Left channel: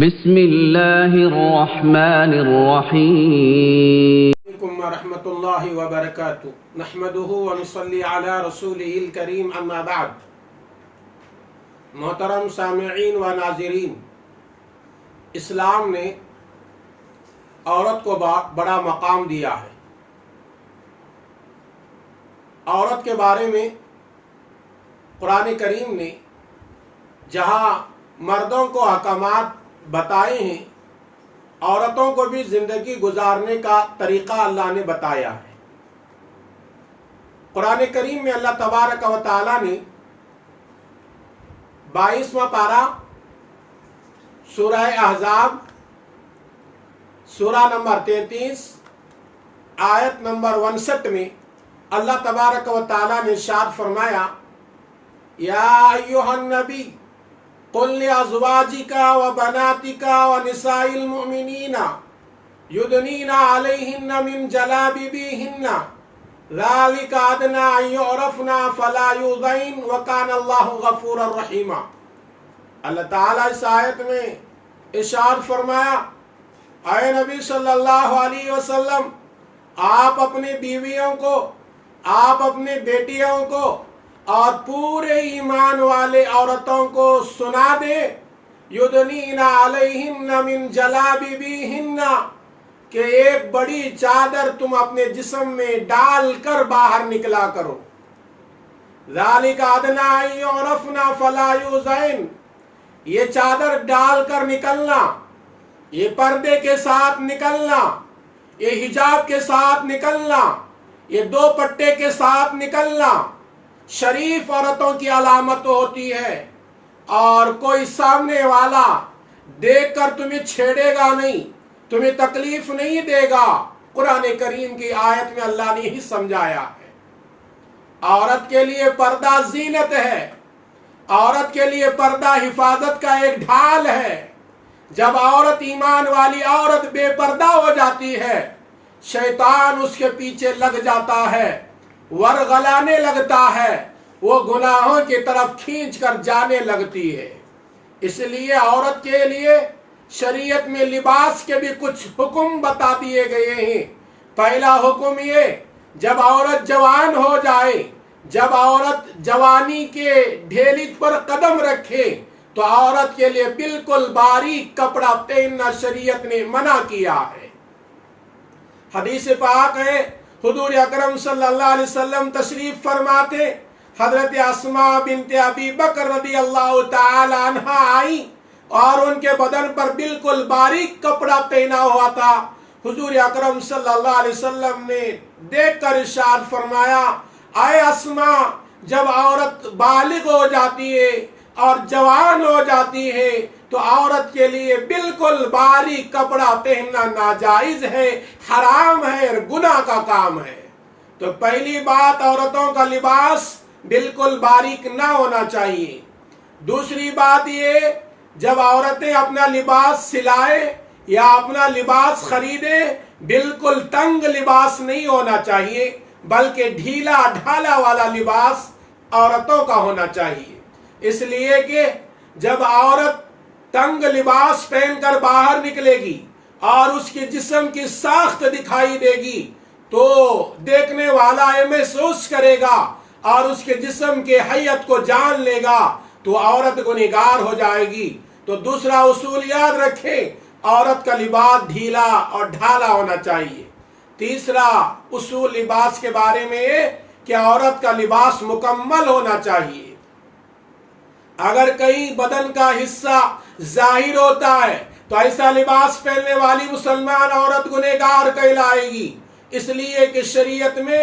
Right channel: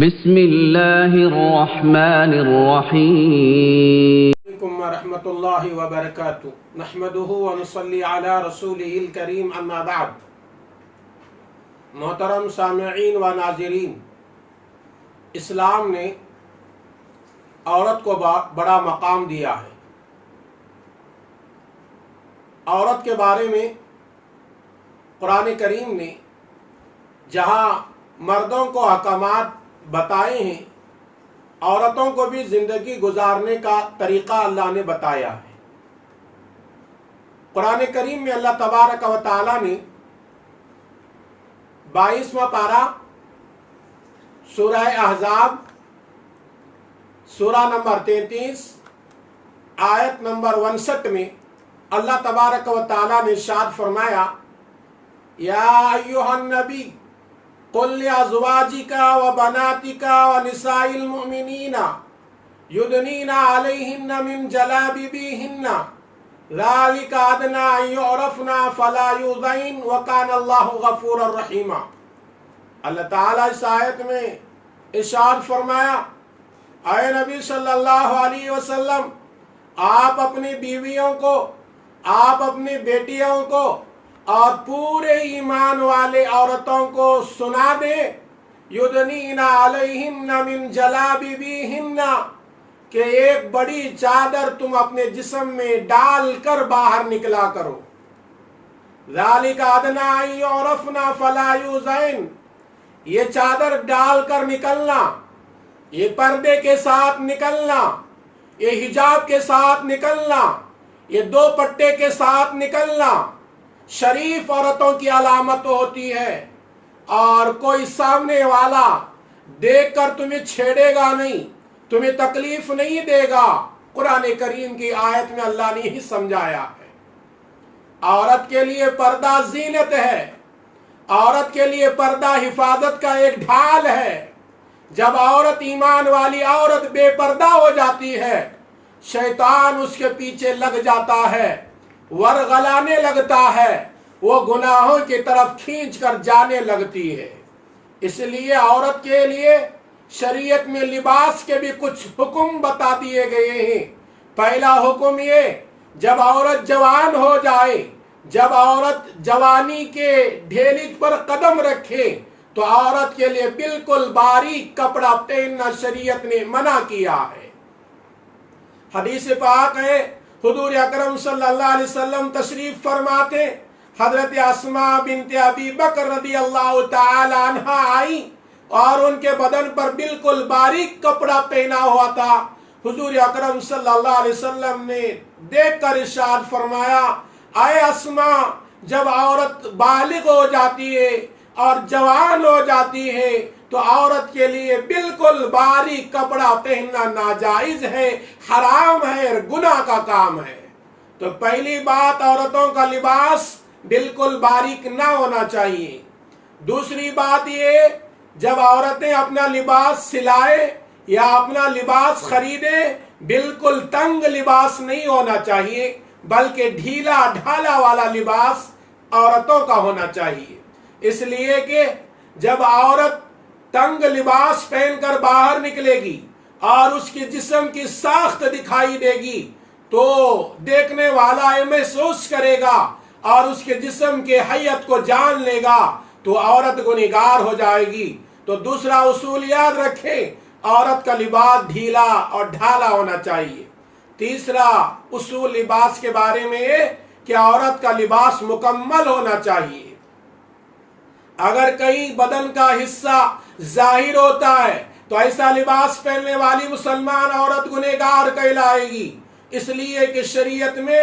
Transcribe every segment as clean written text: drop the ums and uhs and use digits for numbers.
بسم اللہ الرحمن الرحیم علیکم ورحمۃ اللہ وبرکاتہ نحمدہ ونصلی علی رسولہ الکریم اما بعد. محترم سامعین و ناظرین، اسلام نے عورت کو بڑا مقام دیا ہے. عورت کے بارے میں قرآن کریم نے جہاں مردوں کو احکامات بتائے ہیں، عورتوں کو بھی زندگی گزارنے کا طریقہ اللہ نے بتایا ہے. قرآن کریم میں اللہ تبارک و تعالی نے 22واں پارہ سورہ احزاب سورہ نمبر 33 آیت نمبر 59 میں اللہ تبارک و تعالی نے ارشاد فرمایا، یا ایھا النبی قل لأزواجك وبناتك ونساء المؤمنين يدنين عليهن من جلابيبهن ذلك أدنى أن يعرفن فلا يؤذين وكان الله غفورا رحيما. اللہ تعالیٰ اس آیت میں ارشاد فرمایا، اے نبی صلی اللہ علیہ وسلم، آپ اپنی بیویوں کو، آپ اپنی بیٹیوں کو اور پورے ایمان والے عورتوں کو سنا دے، یدنین علیہن من جلابیبہن، کہ ایک بڑی چادر تم اپنے جسم میں ڈال کر باہر نکلا کرو. ذالک ادنی ان یعرفن فلا یؤذین، یہ چادر ڈال کر نکلنا، یہ پردے کے ساتھ نکلنا، یہ حجاب کے ساتھ نکلنا، یہ دوپٹے کے ساتھ نکلنا شریف عورتوں کی علامت ہوتی ہے، اور کوئی سامنے والا دیکھ کر تمہیں چھیڑے گا نہیں، تمہیں تکلیف نہیں دے گا. قرآن کریم کی آیت میں اللہ نے ہی سمجھایا ہے. عورت کے لیے پردہ زینت ہے، عورت کے لیے پردہ حفاظت کا ایک ڈھال ہے. جب عورت، ایمان والی عورت بے پردہ ہو جاتی ہے، شیطان اس کے پیچھے لگ جاتا ہے، ورغلانے لگتا ہے، وہ گناہوں کی طرف کھینچ کر جانے لگتی ہے. اس لیے عورت کے لیے شریعت میں لباس کے بھی کچھ حکم بتا دیے گئے ہیں. پہلا حکم یہ، جب عورت جوان ہو جائے، جب عورت جوانی کے ڈھیلی پر قدم رکھے، تو عورت کے لیے بالکل باریک کپڑا پہننا شریعت نے منع کیا ہے. حدیث پاک ہے، حضور اکرم صلی اللہ علیہ وسلم تشریف فرماتے، حضرت اسماء بنت ابی بکر رضی اللہ تعالی عنہ آئی اور ان کے بدن پر بالکل باریک کپڑا پہنا ہوا تھا. حضور اکرم صلی اللہ علیہ وسلم نے دیکھ کر ارشاد فرمایا، اے اسماء، جب عورت بالغ ہو جاتی ہے اور جوان ہو جاتی ہے تو عورت کے لیے بالکل باریک کپڑا پہننا ناجائز ہے، حرام ہے اور گناہ کا کام ہے. تو پہلی بات، عورتوں کا لباس بالکل باریک نہ ہونا چاہیے. دوسری بات یہ، جب عورتیں اپنا لباس سلائے یا اپنا لباس خریدے، بالکل تنگ لباس نہیں ہونا چاہیے، بلکہ ڈھیلا ڈھالا والا لباس عورتوں کا ہونا چاہیے. اس لیے کہ جب عورت تنگ لباس پہن کر باہر نکلے گی اور اس کی جسم کی ساخت دکھائی دے گی تو دیکھنے والا یہ محسوس کرے گا اور اس کے جسم کے حیت کو جان لے گا، تو عورت گنہگار ہو جائے گی. تو دوسرا اصول یاد رکھیں، عورت کا لباس ڈھیلا اور ڈھالا ہونا چاہیے. تیسرا اصول لباس کے بارے میں یہ کہ عورت کا لباس مکمل ہونا چاہیے. اگر کئی بدن کا حصہ ظاہر ہوتا ہے تو ایسا لباس پہننے والی مسلمان عورت گنہگار کہلائے گی. اس لیے کہ شریعت میں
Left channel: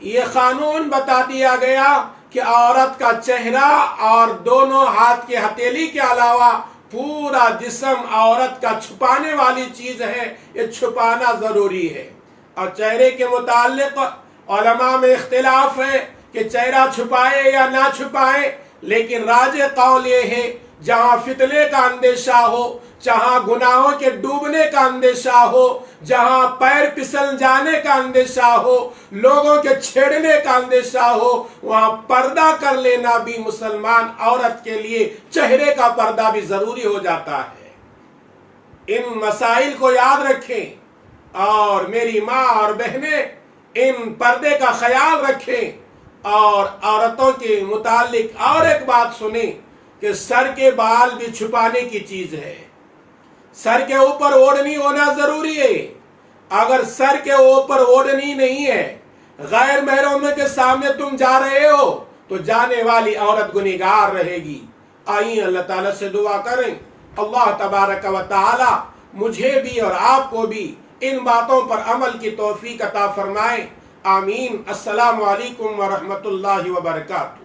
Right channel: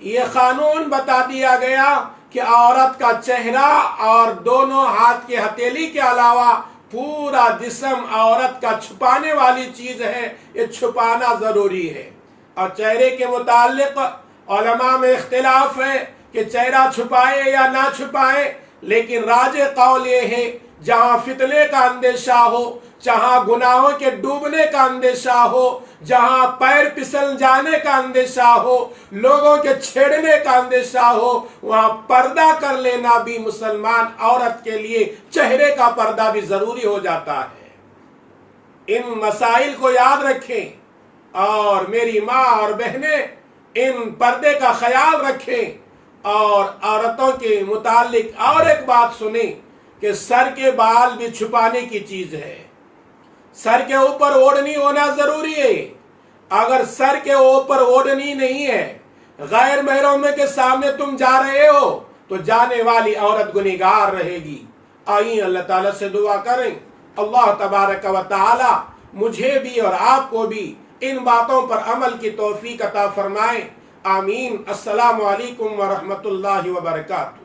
یہ قانون بتا دیا گیا کہ عورت کا چہرہ اور دونوں ہاتھ کے ہتھیلی کے علاوہ پورا جسم عورت کا چھپانے والی چیز ہے، یہ چھپانا ضروری ہے. اور چہرے کے متعلق علماء میں اختلاف ہے کہ چہرہ چھپائے یا نہ چھپائے، لیکن راجح قول یہ ہے، جہاں فتنے کا اندیشہ ہو، جہاں گناہوں کے ڈوبنے کا اندیشہ ہو، جہاں پیر پسل جانے کا اندیشہ ہو، لوگوں کے چھیڑنے کا اندیشہ ہو، وہاں پردہ کر لینا بھی مسلمان عورت کے لیے چہرے کا پردہ بھی ضروری ہو جاتا ہے. ان مسائل کو یاد رکھیں، اور میری ماں اور بہنیں ان پردے کا خیال رکھیں، اور عورتوں کے متعلق اور ایک بات سنیں کہ سر کے بال بھی چھپانے کی چیز ہے، سر کے اوپر اوڑھنی ہونا ضروری ہے۔ اگر سر کے اوپر اوڑھنی نہیں ہے، غیر محرم کے سامنے تم جا رہے ہو تو جانے والی عورت گنہگار رہے گی۔ آئیں اللہ تعالیٰ سے دعا کریں، اللہ تبارک و تعالی مجھے بھی اور آپ کو بھی ان باتوں پر عمل کی توفیق عطا فرمائیں، آمین۔ السلام علیکم ورحمۃ اللہ وبرکاتہ۔